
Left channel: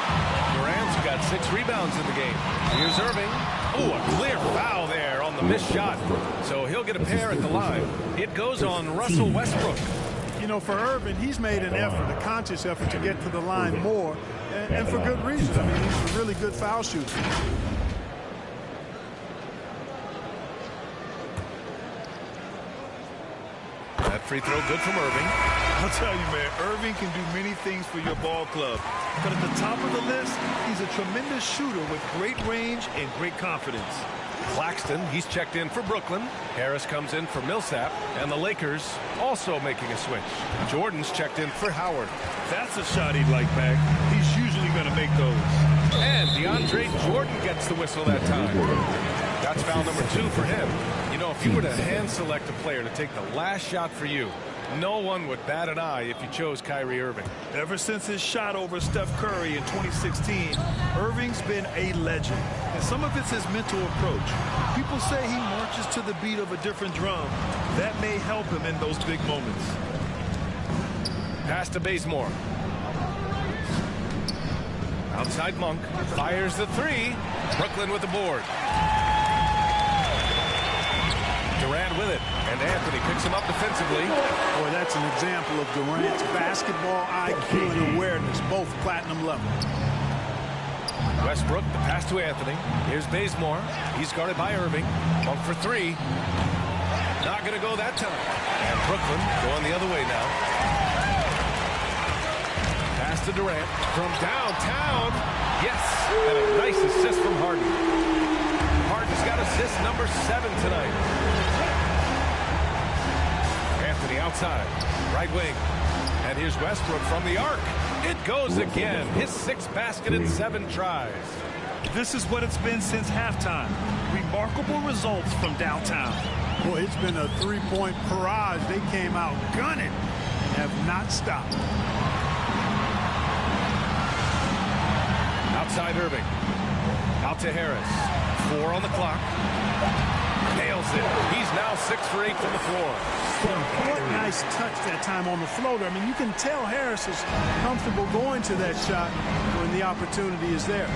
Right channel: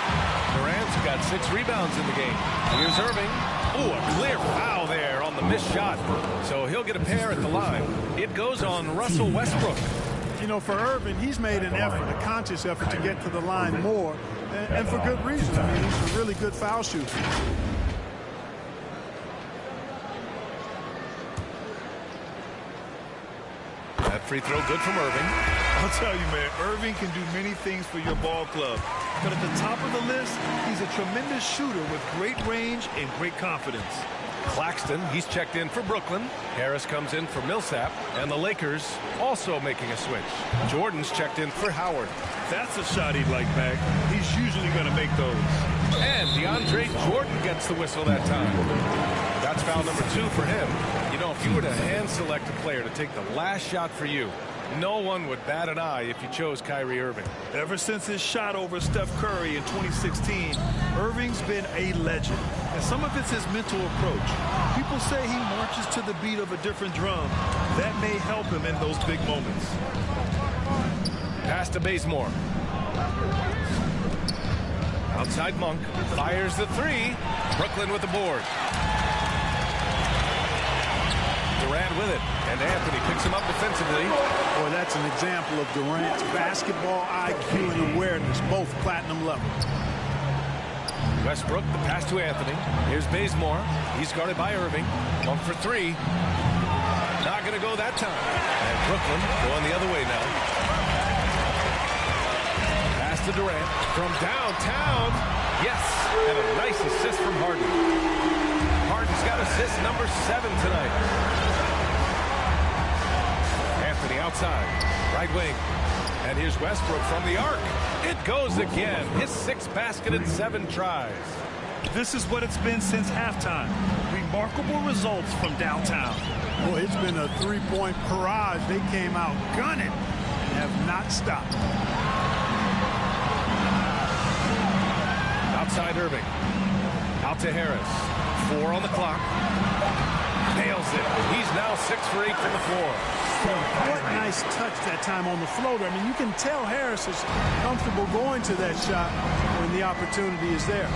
Durant's got 6 rebounds in the game. Here's Irving. Oh, a clear foul there on the missed shot. So he'll get a pair at the line. It goes on Russell Westbrook. You know, for Irving, he's made an effort, a conscious effort to get to the line more, and for good reason. I mean, he's a really good foul shooter. That free throw good from Irving. I'll tell you, man, Irving can do many things for your ball club. But at the top of the list, he's a tremendous shooter with great range and great confidence. Claxton, he's checked in for Brooklyn. Harris comes in for Millsap. And the Lakers also making a switch. Jordan's checked in for Howard. That's a shot he'd like back. He's usually going to make those. And DeAndre Jordan gets the whistle that time. That's foul number 2 for him. You know, if you were to hand select a player to take the last shot for you, no one would bat an eye if you chose Kyrie Irving. Ever since his shot over Steph Curry in 2016, Irving's been a legend. And some of it's his mental approach. People say he marches to the beat of a different drum. That may help him in those big moments. Pass to Bazemore. Outside Monk. Fires the 3. Brooklyn with the board. Durant with it, and Anthony picks him up defensively. Boy, that's an example of Durant's basketball IQ and awareness, both platinum level. Westbrook, the pass to Anthony. Here's Bazemore. He's guarded by Irving. Monk for 3. Not going to go that time. And Brooklyn going the other way now. Pass to Durant from downtown. Yes, and a nice assist from Harden. Harden's got assist number 7 tonight. Anthony outside, right wing. And here's Westbrook from the arc. It goes again. His 6th basket in 7 tries. This is what it's been since halftime. Remarkable results from downtown. Boy, it's been a 3-point barrage. They came out gunning and have not stopped. Outside Irving. Out to Harris. 4 on the clock. Nails it. He's now 6 for 8 from the floor. What nice touch that time on the floater. I mean, you can tell Harris is comfortable going to that shot when the opportunity is there.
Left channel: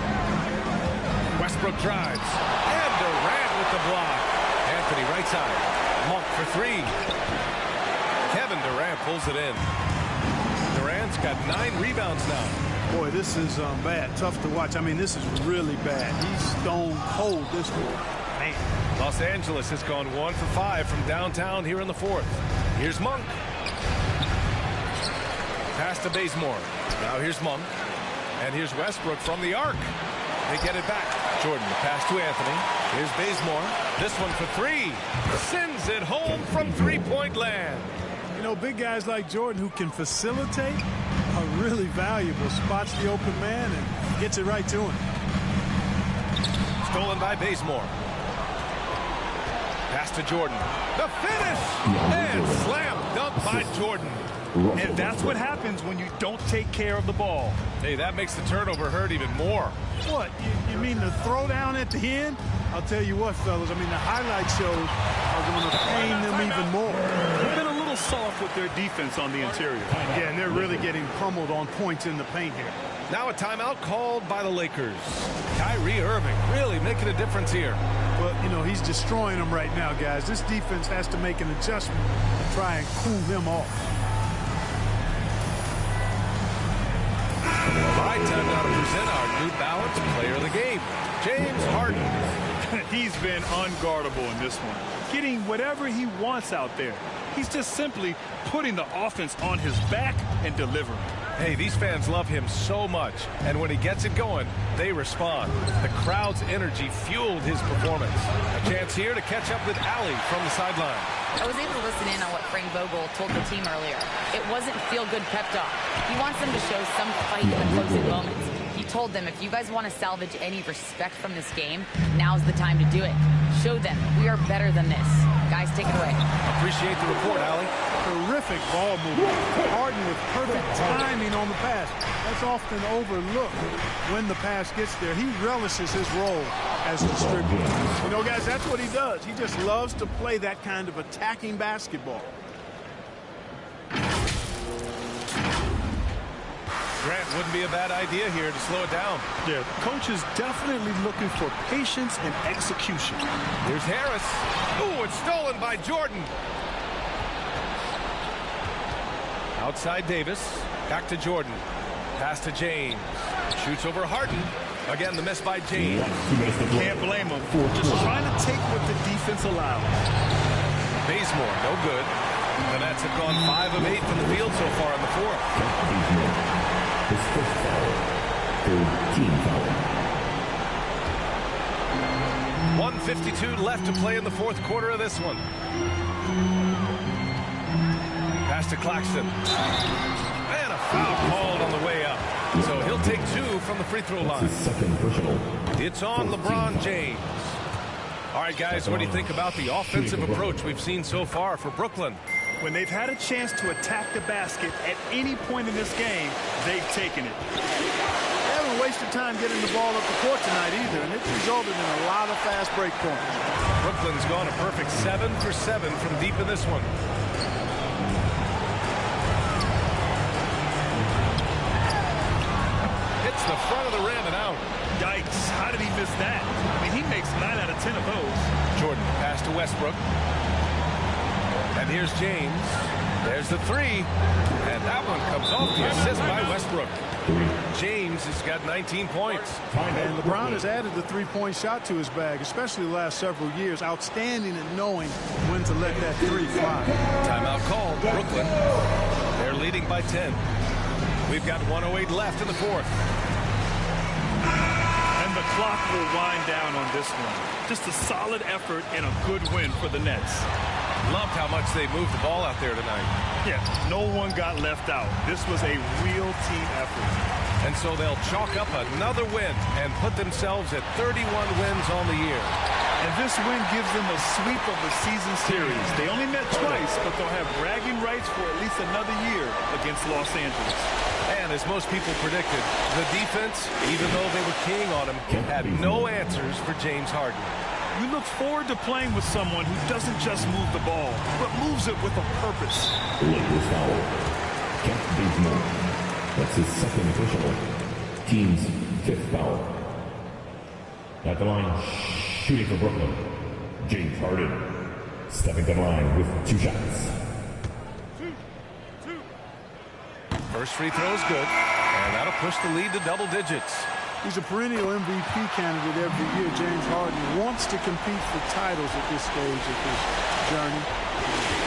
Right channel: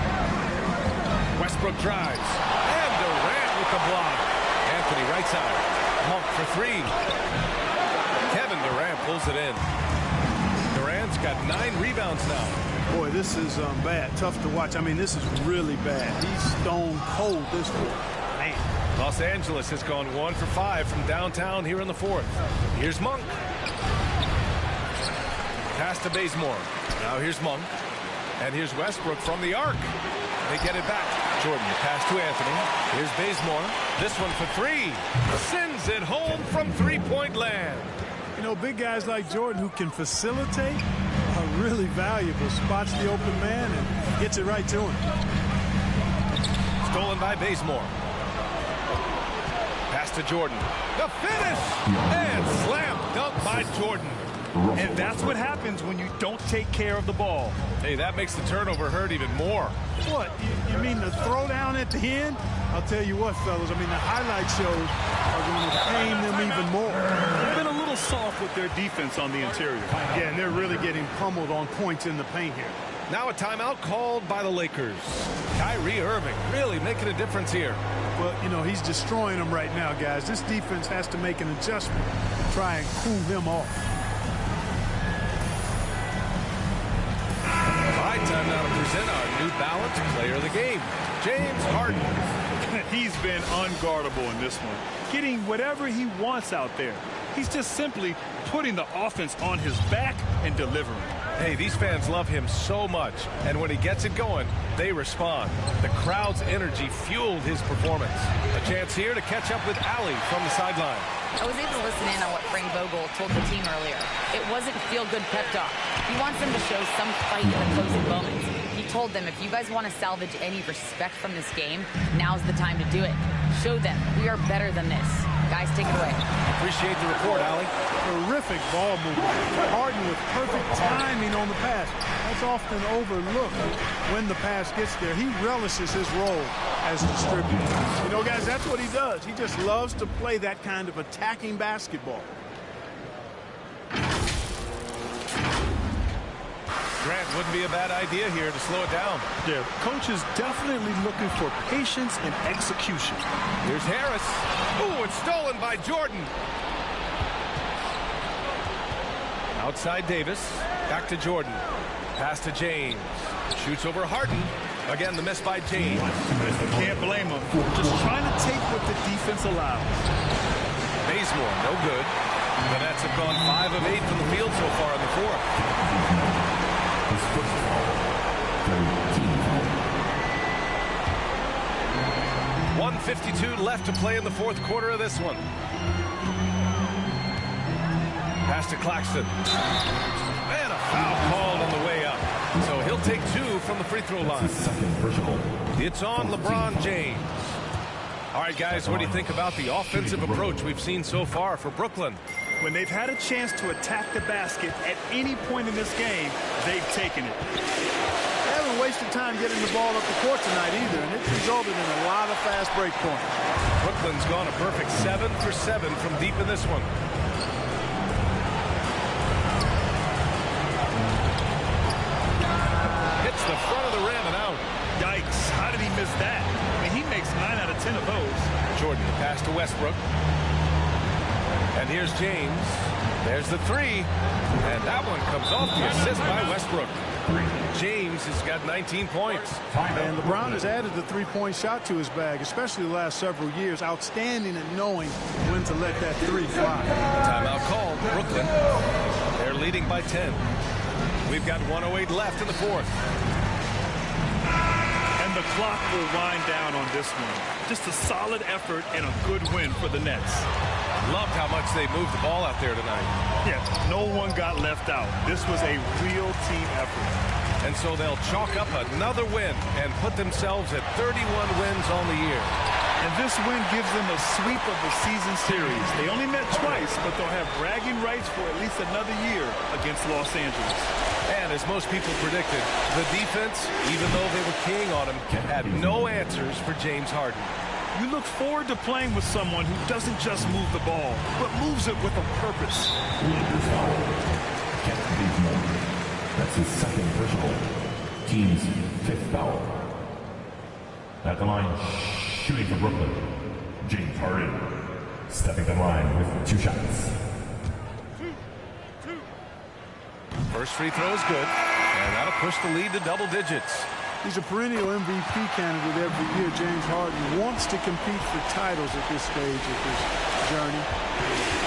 Westbrook drives. And Durant with the block. Anthony right side. Monk for three. Kevin Durant pulls it in. Durant's got 9 rebounds now. Boy, this is bad. Tough to watch. I mean, this is really bad. He's stone cold this quarter. Man. Los Angeles has gone 1 for 5 from downtown here in the fourth. Here's Monk. Pass to Bazemore. Now here's Monk. And here's Westbrook from the arc. They get it back. Jordan, the pass to Anthony. Here's Bazemore. This one for 3. Sends it home from three-point land. You know, big guys like Jordan who can facilitate are really valuable. Spots the open man and gets it right to him. Stolen by Bazemore. Pass to Jordan. The finish! And slam dunk by Jordan. And that's what happens when you don't take care of the ball. Hey, that makes the turnover hurt even more. What? You mean the throwdown at the end? I'll tell you what, fellas. I mean, the highlight shows are going to pain them even more. They've been a little soft with their defense on the interior. Yeah, and they're really getting pummeled on points in the paint here. Now a timeout called by the Lakers. Kyrie Irving really making a difference here. Well, you know, he's destroying them right now, guys. This defense has to make an adjustment to try and cool him off. All right, time now to present our New Balance Player of the Game, James Harden. He's been unguardable in this one, getting whatever he wants out there. He's just simply putting the offense on his back and delivering. Hey, these fans love him so much, and when he gets it going, they respond. The crowd's energy fueled his performance. A chance here to catch up with Allie from the sideline. I was able to listen in on what Frank Vogel told the team earlier. It wasn't feel-good pep talk. He wants them to show some fight in the closing moments. He told them, if you guys want to salvage any respect from this game, now's the time to do it. Show them we are better than this. Guys, take it away. Appreciate the report, Allie. Terrific ball movement. Harden with perfect timing on the pass. That's often overlooked when the pass gets there. He relishes his role as distributor. You know, guys, that's what he does. He just loves to play that kind of attacking basketball. Grant, wouldn't be a bad idea here to slow it down. Yeah, coach is definitely looking for patience and execution. Here's Harris. Ooh, it's stolen by Jordan. Outside Davis. Back to Jordan. Pass to James. Shoots over Harden. Again, the miss by James. Can't blame him. Just trying to take what the defense allows. Bazemore, no good. The Nets have gone 5 of 8 from the field so far in the fourth. His first foul. Third team foul. 1:52 left to play in the fourth quarter of this one. Pass to Claxton. And a foul called on the way up. So he'll take 2 from the free throw line. Second personal. It's on LeBron James. All right, guys, what do you think about the offensive approach we've seen so far for Brooklyn? When they've had a chance to attack the basket at any point in this game, they've taken it. They haven't wasted time getting the ball up the court tonight either, and it's resulted in a lot of fast break points. Brooklyn's gone a perfect 7 for 7 from deep in this one. Hits the front of the rim and out. Yikes, how did he miss that? I mean, he makes 9 out of 10 of those. Jordan, the pass to Westbrook. And here's James. There's the 3. And that one comes off the assist by Westbrook. James has got 19 points. And LeBron has added the three-point shot to his bag, especially the last several years. Outstanding at knowing when to let that 3 fly. Timeout called. Brooklyn. They're leading by 10. We've got 1:08 left in the fourth. And the clock will wind down on this one. Just a solid effort and a good win for the Nets. Loved how much they moved the ball out there tonight. Yeah, no one got left out. This was a real team effort. And so they'll chalk up another win and put themselves at 31 wins on the year. And this win gives them a sweep of the season series. They only met twice, but they'll have bragging rights for at least another year against Los Angeles. And as most people predicted, the defense, even though they were keying on him, had no answers for James Harden. You look forward to playing with someone who doesn't just move the ball, but moves it with a purpose. Lakers foul. Kent Bazemore. That's his second personal. Team's 5th foul. At the line, shooting for Brooklyn, James Harden. stepping to the line with 2 shots. First free throw is good, and that'll push the lead to double digits. He's a perennial MVP candidate every year. James Harden wants to compete for titles at this stage of his journey.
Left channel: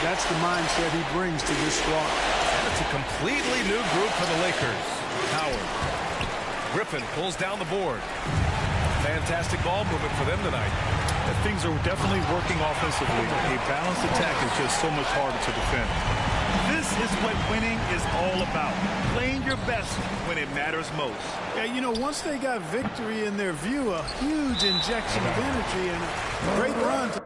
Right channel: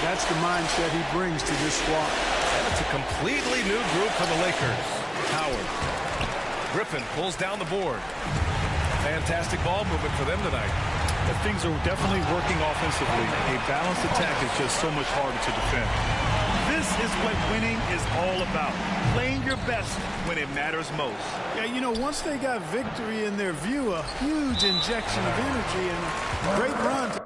That's the mindset he brings to this squad. And it's a completely new group for the Lakers. Howard. Griffin pulls down the board. Fantastic ball movement for them tonight. Things are definitely working offensively. A balanced attack is just so much harder to defend. This is what winning is all about. Playing your best when it matters most. Yeah, you know, once they got victory in their view, a huge injection of energy and a great run to